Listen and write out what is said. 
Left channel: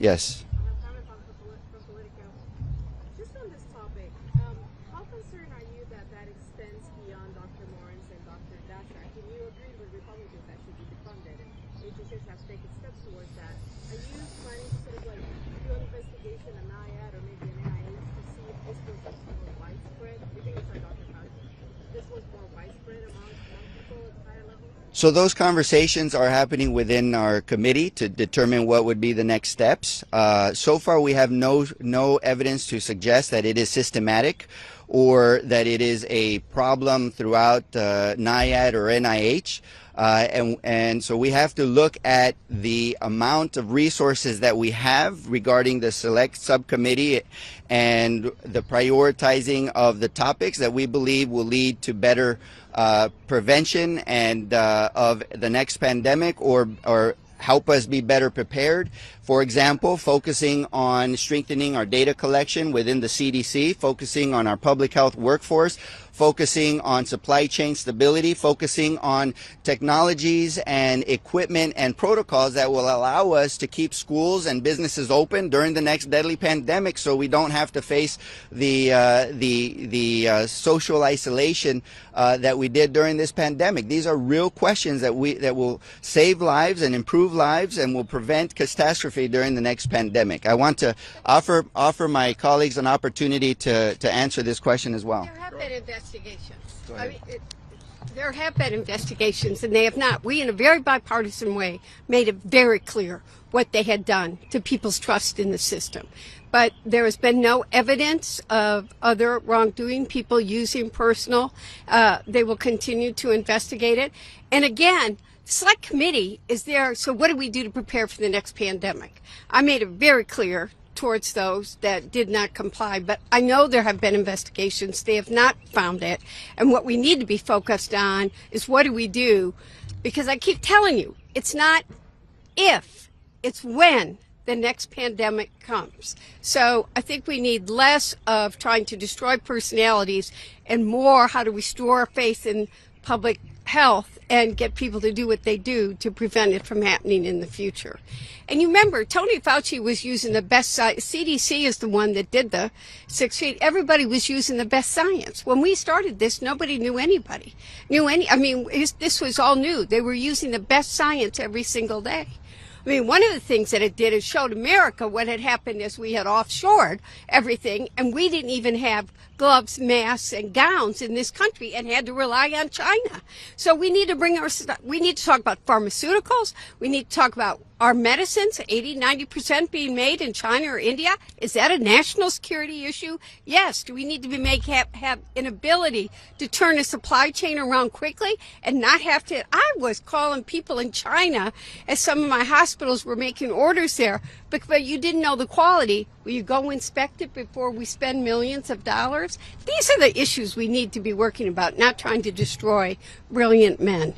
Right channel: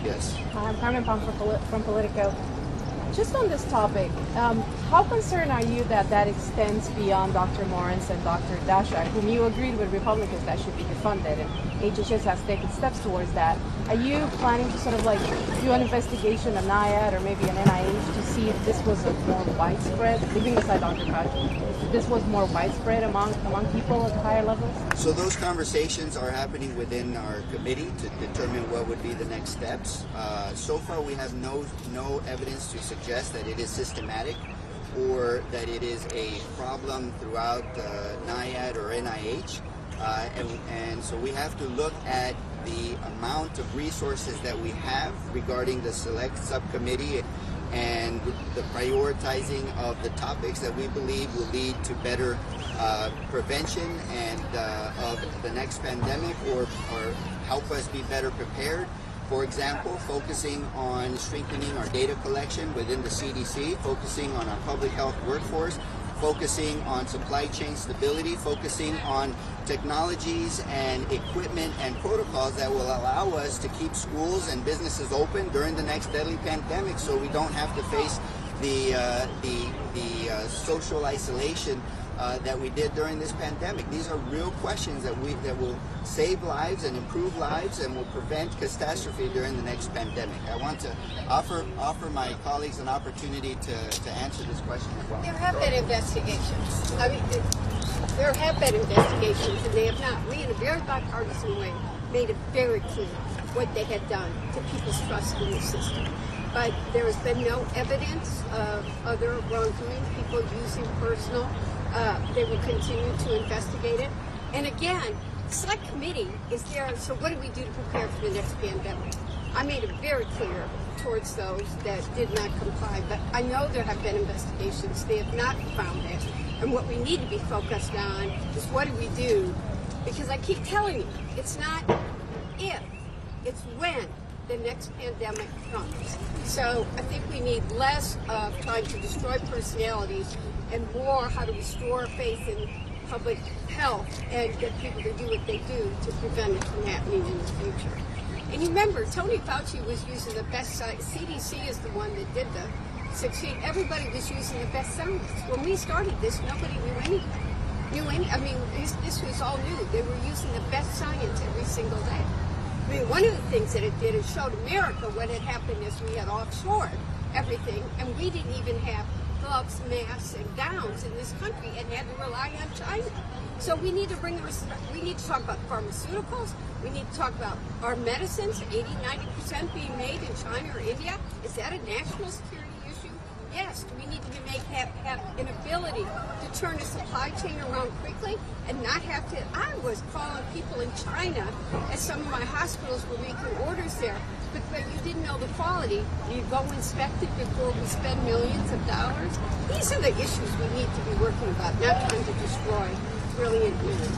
Yes. I'm Carmen Pam from Politico. Just on this topic, how concerned are you that that extends beyond Dr. Lawrence and Dr. Dashak, whom you agreed with Republicans that should be defunded, and HHS has taken steps towards that? Are you planning to sort of like do an investigation, a NIAID or maybe an NIH, to see if this was a more widespread, leaving aside Dr. Fauci, if this was more widespread among people at higher levels? So those conversations are happening within our committee to determine what would be the next steps. So far, we have no evidence to suggest that it is systematic or that it is a problem throughout NIAID or NIH. And so we have to look at the amount of resources that we have regarding the select subcommittee and the prioritizing of the topics that we believe will lead to better prevention and of the next pandemic or help us be better prepared. For example, focusing on strengthening our data collection within the CDC, focusing on our public health workforce, focusing on supply chain stability, focusing on technologies and equipment and protocols that will allow us to keep schools and businesses open during the next deadly pandemic, so we don't have to face the social isolation that we did during this pandemic. These are real questions that will save lives and improve lives and will prevent catastrophe during the next pandemic. I want to offer my colleagues an opportunity to answer this question as well. There have been investigations. I mean, there have been investigations, and they have not. We, in a very bipartisan way, made it very clear what they had done to people's trust in the system. But there has been no evidence of other wrongdoing, people using personal. They will continue to investigate it. And again, the select committee is there, so what do we do to prepare for the next pandemic? I made it very clear towards those that did not comply, but I know there have been investigations. They have not found it. And what we need to be focused on is what do we do? Because I keep telling you, it's not if, it's when the next pandemic comes. So I think we need less of trying to destroy personalities and more how to restore faith in public health and get people to do what they do to prevent it from happening in the future. And you remember, Tony Fauci was using the best science. CDC is the one that did the 6 feet. Everybody was using the best science. When we started this, nobody knew anybody. This was all new. They were using the best science every single day. I mean, one of the things that it did is showed America what had happened is we had offshored everything, and we didn't even have gloves, masks, and gowns in this country and had to rely on China. So we need to we need to talk about pharmaceuticals. We need to talk about our medicines, 80-90% being made in China or India. Is that a national security issue? Yes. Do we need to have an ability to turn a supply chain around quickly and not have to? I was calling people in China as some of my hospitals were making orders there. But you didn't know the quality. Will you go inspect it before we spend millions of dollars? These are the issues we need to be working about, not trying to destroy brilliant men.